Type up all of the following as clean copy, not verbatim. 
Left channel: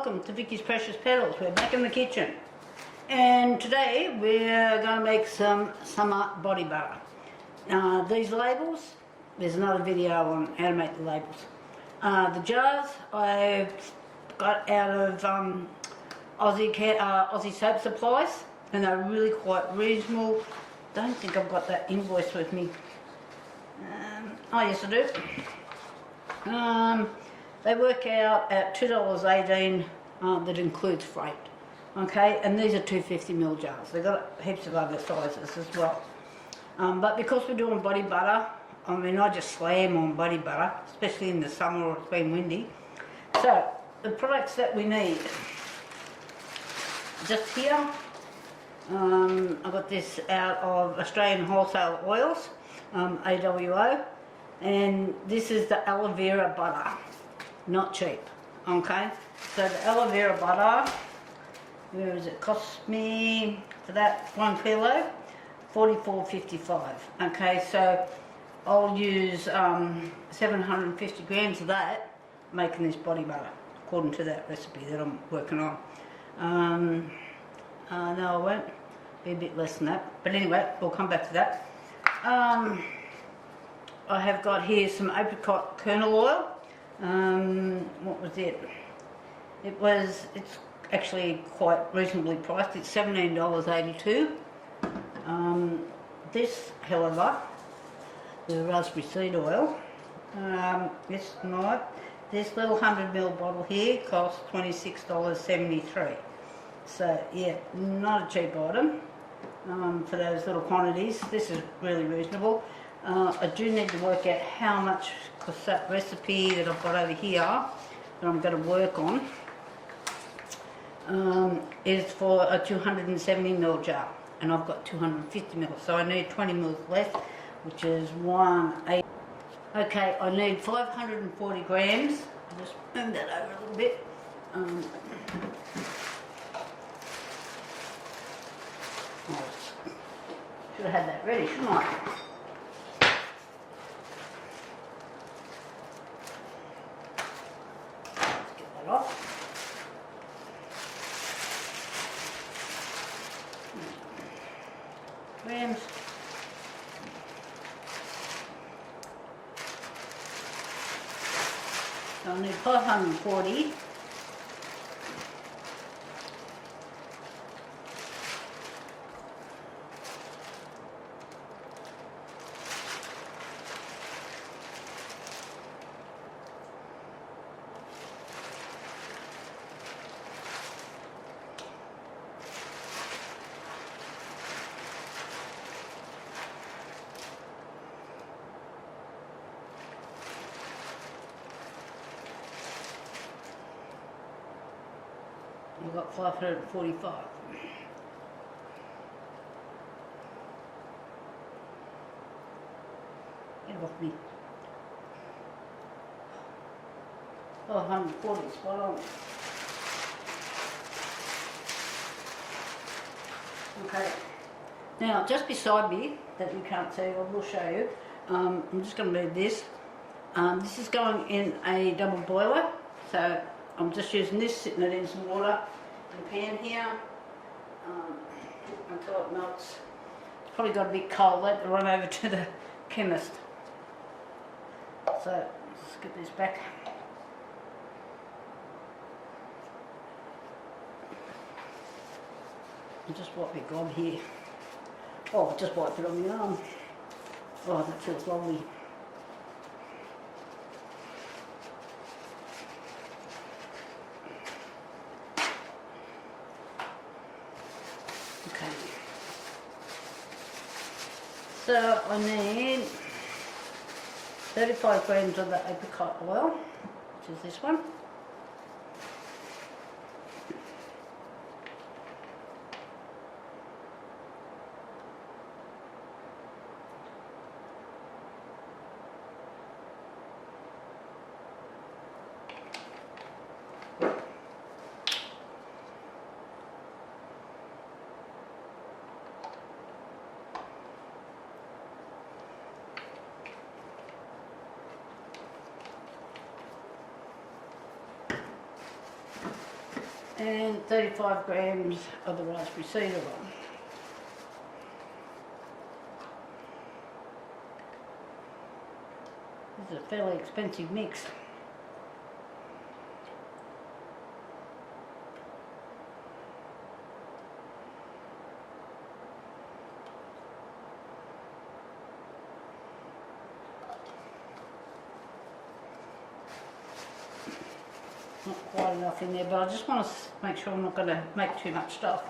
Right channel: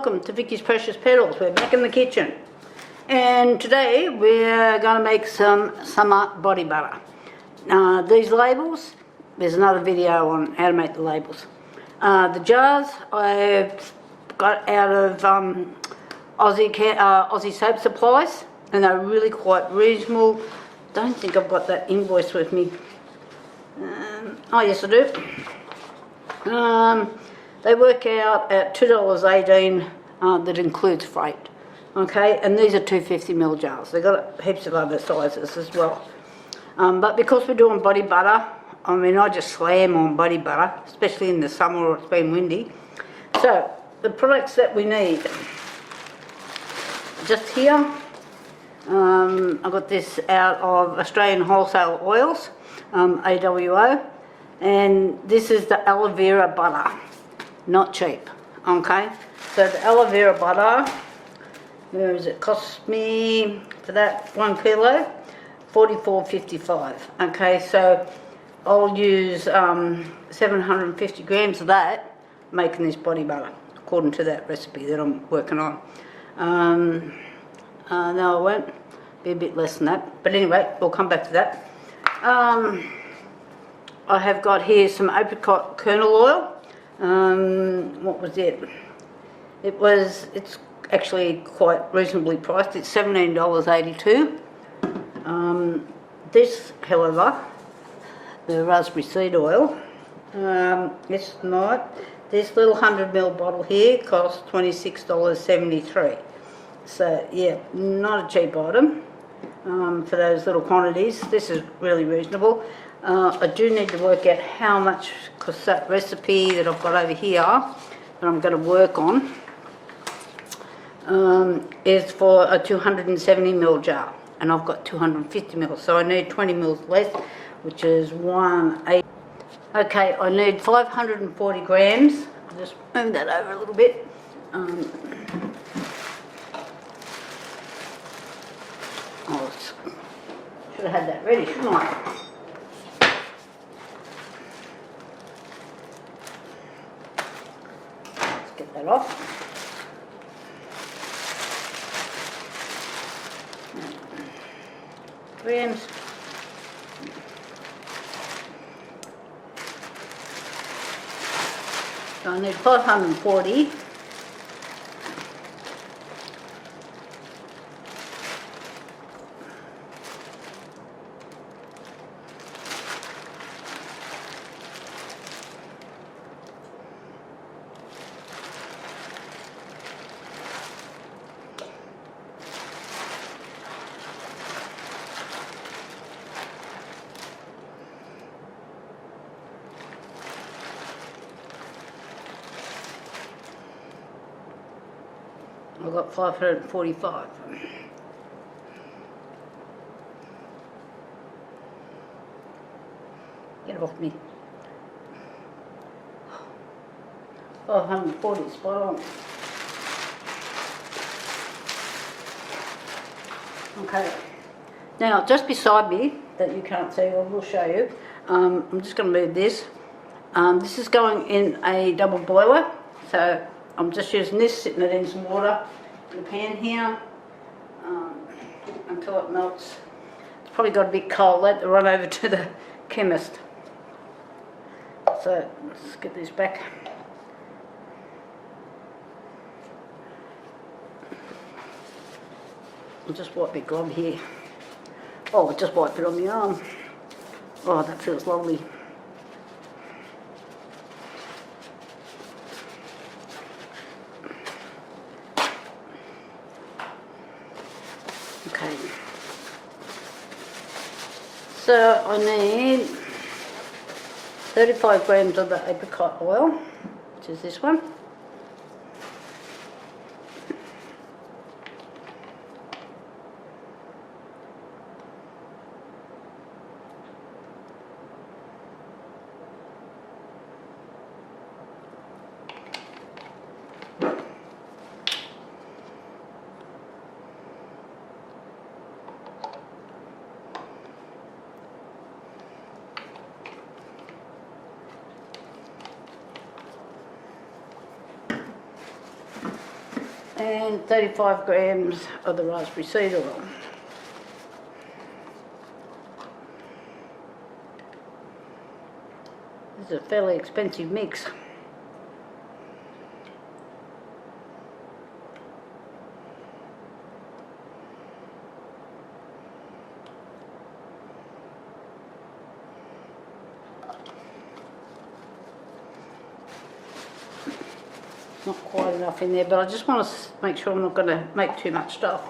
welcome to Vicky's Precious Petals. We're back in the kitchen, and today we're going to make some summer body butter. These labels, there's another video on how to make the labels. The jars I've got out of Aussie Soap Supplies, and they're really quite reasonable. Don't think I've got that invoice with me. Oh yes, I do. They work out at $2.18, that includes freight. Okay, and these are 250ml jars. They've got heaps of other sizes as well. But because we're doing body butter, I mean, I just slam on body butter, especially in the summer or it's been windy. So, the products that we need. Just here, I got this out of Australian Wholesale Oils, AWO, and this is the Aloe Vera Butter. Not cheap, okay? So the aloe vera butter, where is it? Cost me for that 1 kilo, $44.55. Okay, so I'll use 750 grams of that, making this body butter, according to that recipe that I'm working on. No, I won't. Be a bit less than that. But anyway, we'll come back to that. I have got here some apricot kernel oil. What was it? It's actually quite reasonably priced. It's $17.82. This, however, the raspberry seed oil, this little 100ml bottle here costs $26.73. So yeah, not a cheap item for those little quantities. This is really reasonable. I do need to work out how much, because that recipe that I've got over here that I'm going to work on is for a 270ml jar, and I've got 250ml, so I need 20ml less, which is 1/8. Okay, I need 540 grams. I'll just move that over a little bit. Should have had that ready, shouldn't I? Let's get that off. Grams. So I need 540. I've got 545. Get it off me. 540, spot on. Okay. Now, just beside me, that you can't see, I will show you. I'm just going to move this. This is going in a double boiler, so I'm just using this, sitting it in some water in the pan here until it melts. It's probably got a bit cold. Let it run over to the chemist. So let's get this back. I'll just wipe my glove here. Oh, I just wiped it on the arm. Oh, that feels lovely. Okay, so I need 35 grams of the apricot oil, which is this one. and 35 grams of the raspberry seed oil. This is a fairly expensive mix. Not quite enough in there, but I just want to make sure I'm not going to make too much stuff.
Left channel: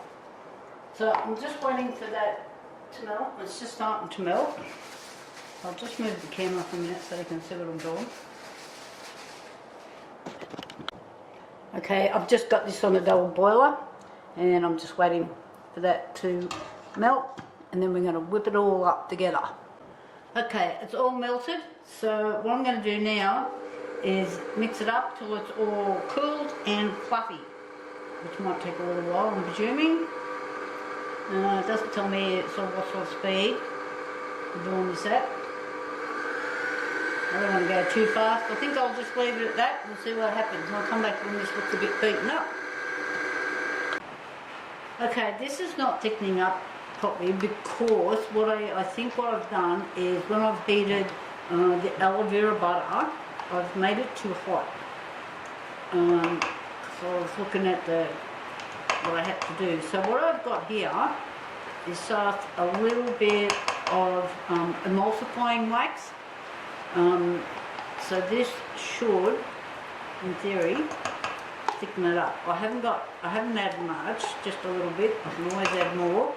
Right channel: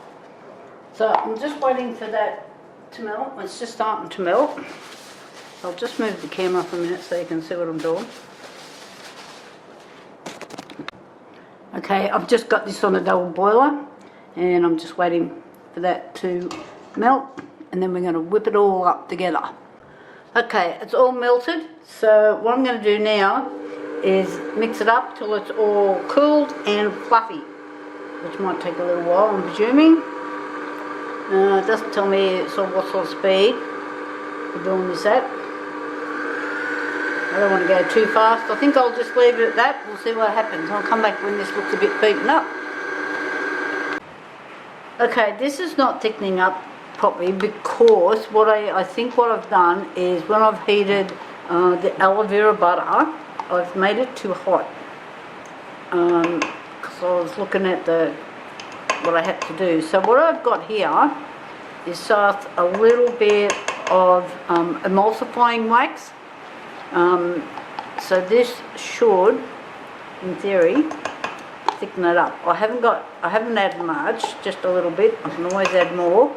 So I'm just waiting for that to melt. It's just starting to melt. I'll just move the camera for a minute so you can see what I'm doing. Okay, I've just got this on a double boiler and I'm just waiting for that to melt, and then we're going to whip it all up together. Okay, it's all melted, so what I'm going to do now is mix it up till it's all cooled and fluffy, which might take a little while, I'm presuming. It doesn't tell me what sort of speed we're doing this at. I don't want to go too fast. I think I'll just leave it at that. We'll see what happens. I'll come back when this looks a bit beaten up. Okay, this is not thickening up properly because what I think what I've done is when I've heated the aloe vera butter, I've made it too hot, because I was looking at what I had to do. So what I've got here is just a little bit of emulsifying wax. So this should, in theory, thicken it up. I haven't added much, just a little bit. I can always add more,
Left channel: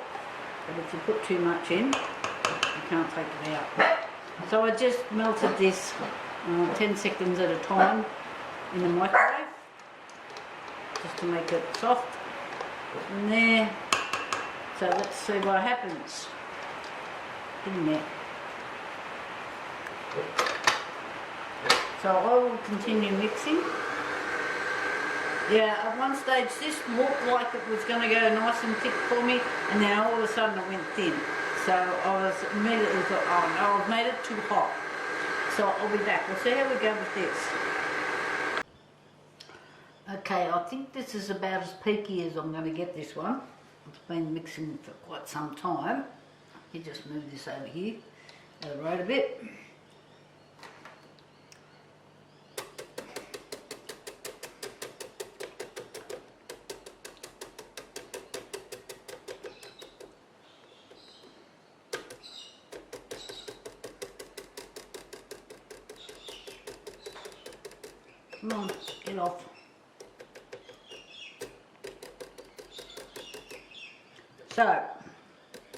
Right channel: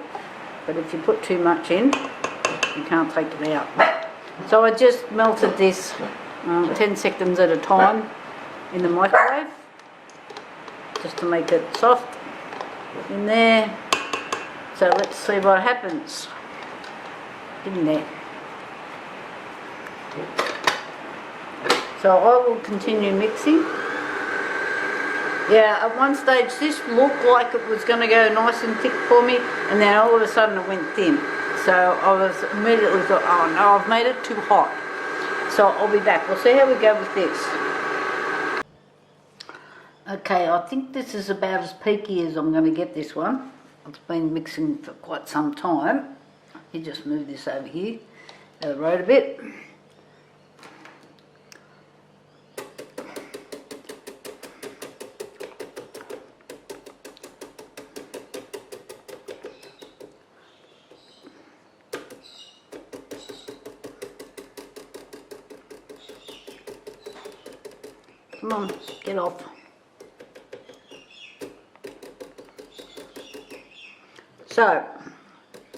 but if you put too much in, you can't take it out. So I just melted this 10 seconds at a time in the microwave, just to make it soft in there. So let's see what happens in there. So I will continue mixing. Yeah, at one stage this looked like it was going to go nice and thick for me, and then all of a sudden it went thin. So I was immediately thought, oh no, I've made it too hot. So I'll be back. We'll see how we go with this. Okay, I think this is about as peaky as I'm going to get this one. It's been mixing for quite some time. You just move this over here, out of the road a bit. Come on, get off. So,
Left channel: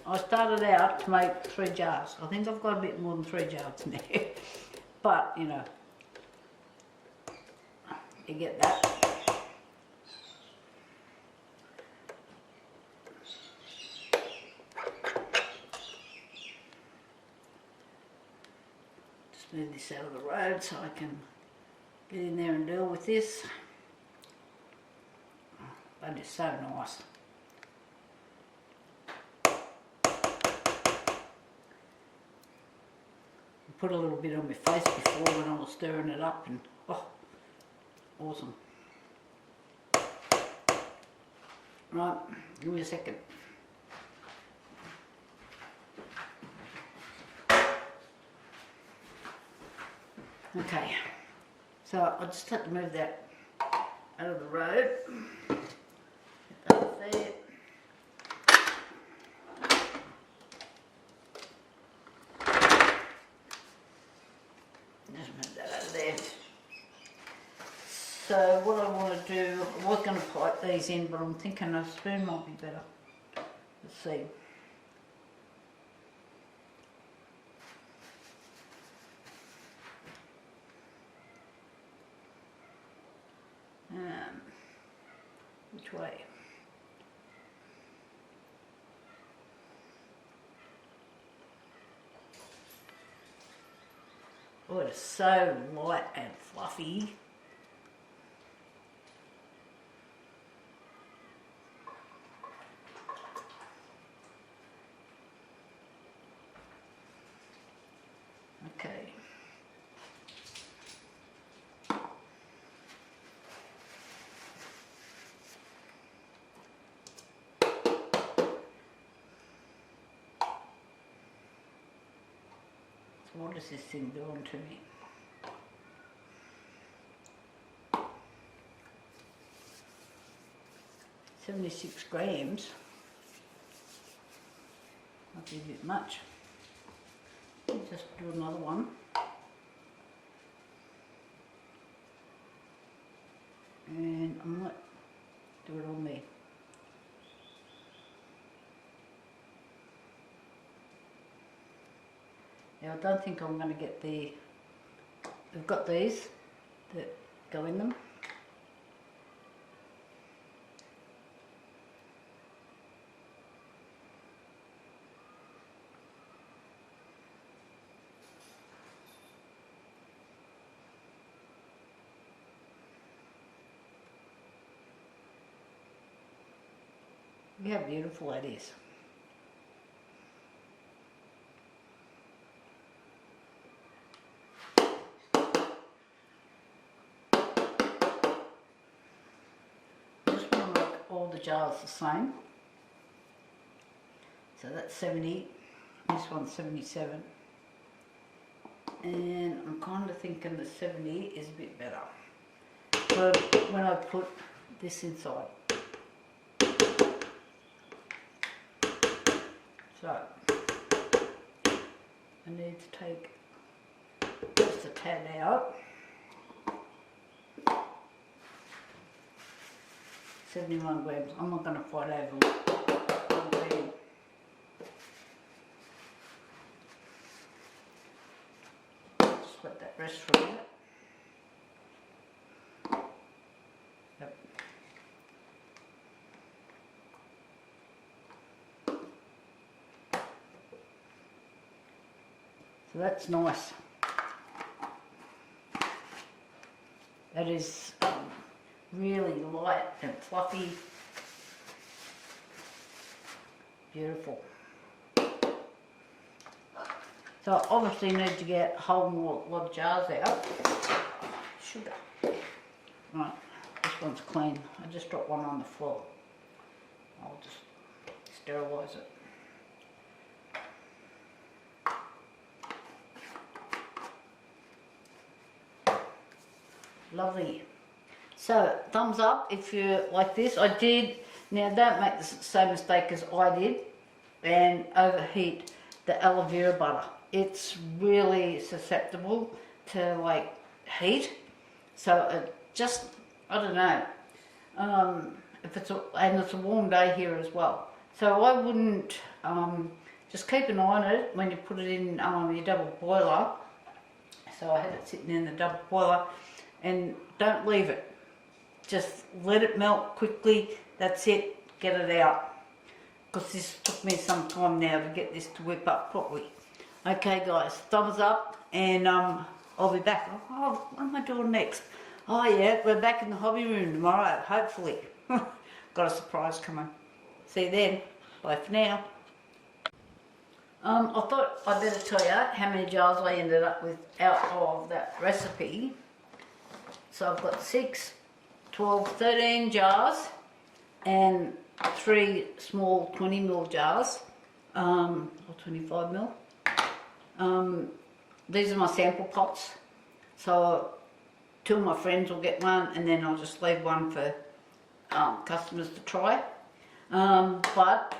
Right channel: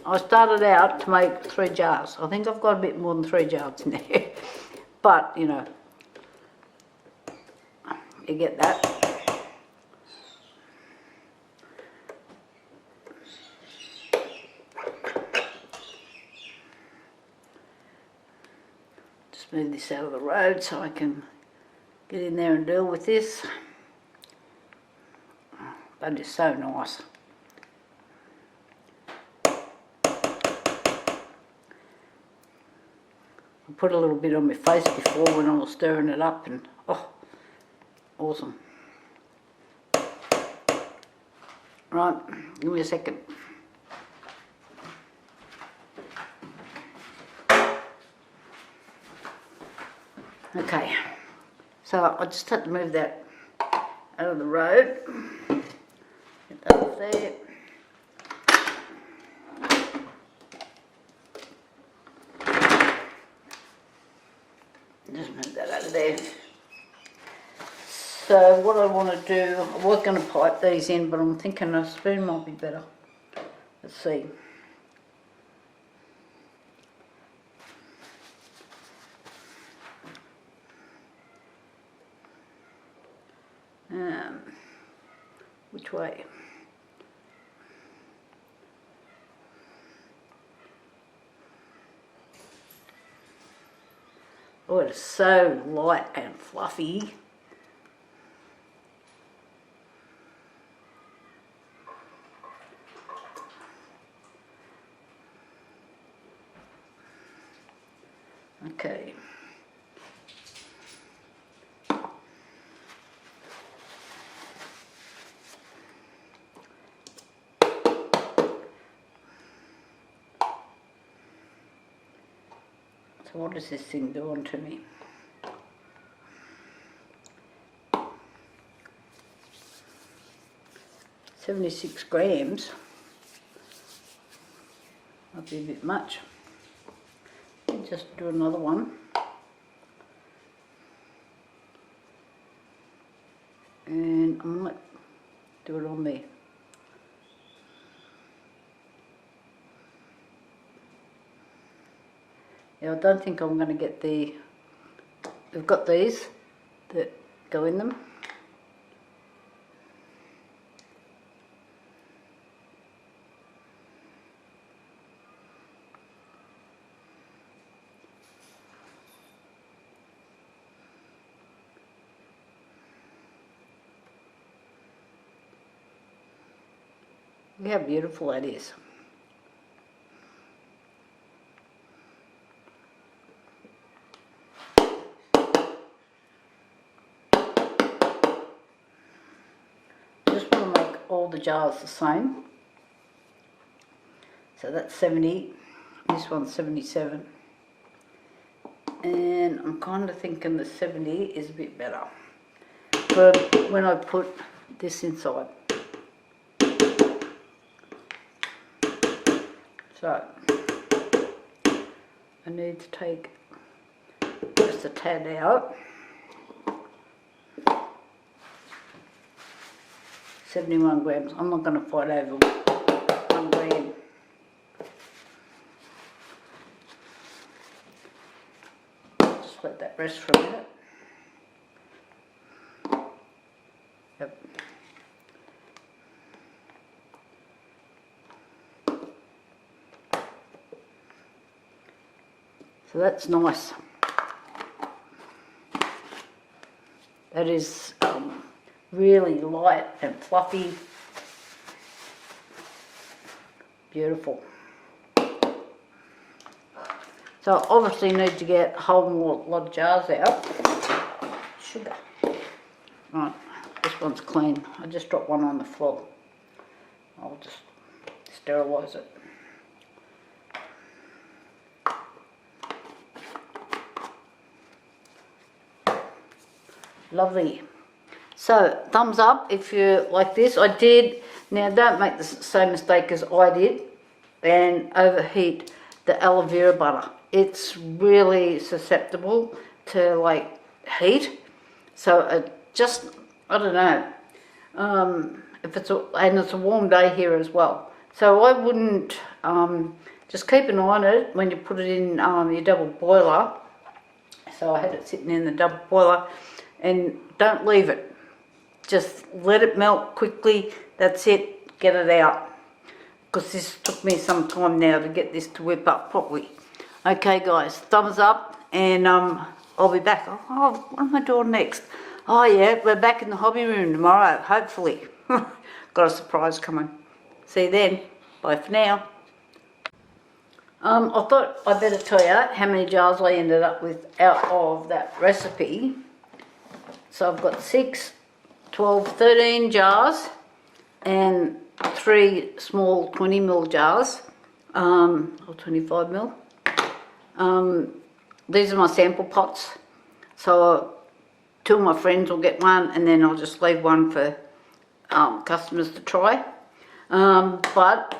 I started out to make 3 jars. I think I've got a bit more than 3 jars in there. But, you know, you get that. Just move this out of the road so I can get in there and deal with this. That is so nice. I put a little bit on my face before when I was stirring it up, and oh, awesome. Right, give me a second. Okay, so I just had to move that out of the road. Get that off there. Just move that over there. So what I want to do, I was going to pipe these in, but I'm thinking a spoon might be better. Let's see. Which way? Oh, it's so light and fluffy. Okay. So what is this thing doing to me? $76 grams. Might be a bit much. Just do another one. And I might do it on there. Now I don't think I'm going to get the, we've got these that go in them. Look how beautiful that is. I just want to make all the jars the same. So that's 70, this one's 77. And I'm kind of thinking the 70 is a bit better. But when I put this inside. So, I need to take just a tad out. 71 grams. I'm not going to fight over 1 gram. Just let that rest for a minute. Yep. So that's nice. That is really light and fluffy. Beautiful. So obviously need to get a whole lot of jars out. Sugar. Right, this one's clean. I just dropped one on the floor. I'll just sterilise it. Lovely. So thumbs up if you like this. I did, now don't make the same mistake as I did and overheat the aloe vera butter. It's really susceptible to like heat. So I don't know, if it's and it's a warm day here as well. So I wouldn't, just keep an eye on it when you put it in your double boiler. So I had it sitting in the double boiler. And don't leave it. Just let it melt quickly. That's it. Get it out. Because this took me some time now to get this to whip up properly. Okay guys, thumbs up and I'll be back. Oh, what am I doing next? Oh yeah, we're back in the hobby room tomorrow, hopefully. Got a surprise coming. See you then. Bye for now. I thought I'd better tell you how many jars I ended up with out of that recipe. So I've got 6, 12, 13 jars and 3 small 20ml jars, or 25ml. These are my sample pots. So 2 of my friends will get one and then I'll just leave one for customers to try. But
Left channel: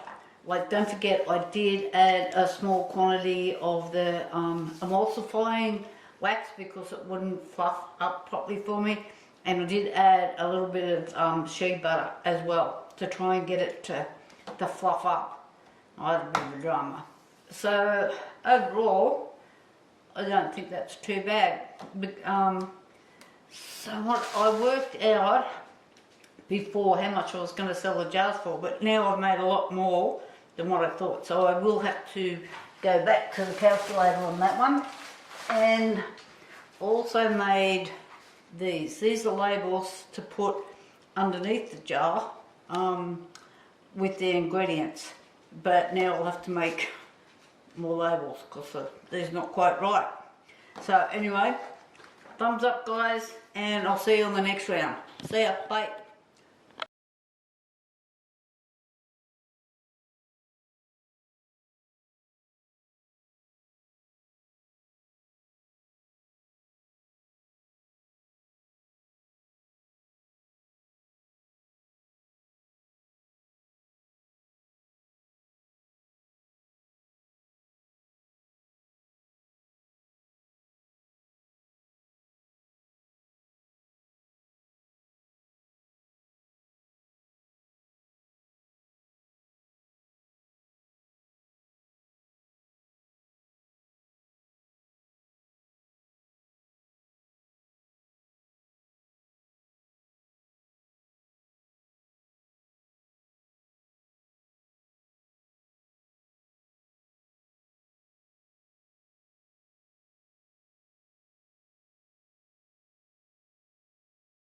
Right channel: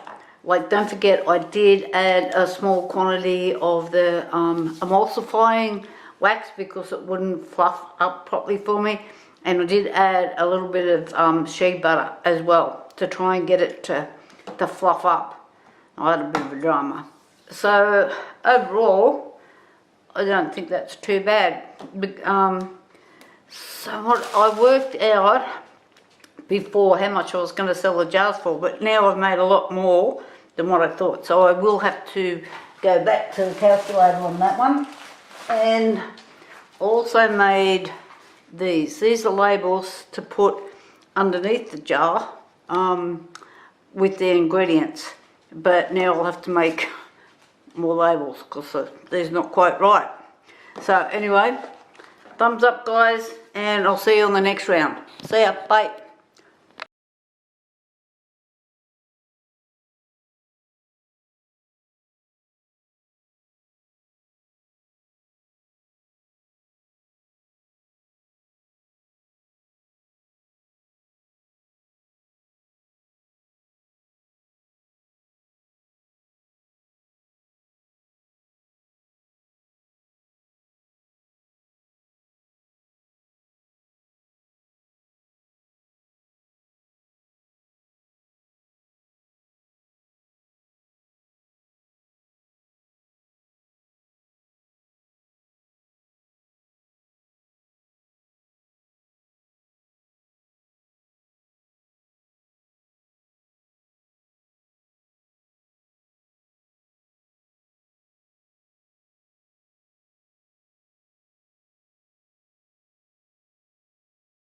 like don't forget I did add a small quantity of the emulsifying wax because it wouldn't fluff up properly for me, and I did add a little bit of shea butter as well to try and get it to fluff up. I had a bit of a drama. So overall I don't think that's too bad. So what I worked out before how much I was going to sell the jars for, but now I've made a lot more than what I thought, so I will have to go back to the calculator on that one. And also made these are labels to put underneath the jar with the ingredients, but now I'll have to make more labels because these are not quite right. So anyway, thumbs up guys, and I'll see you on the next round. See ya, bye.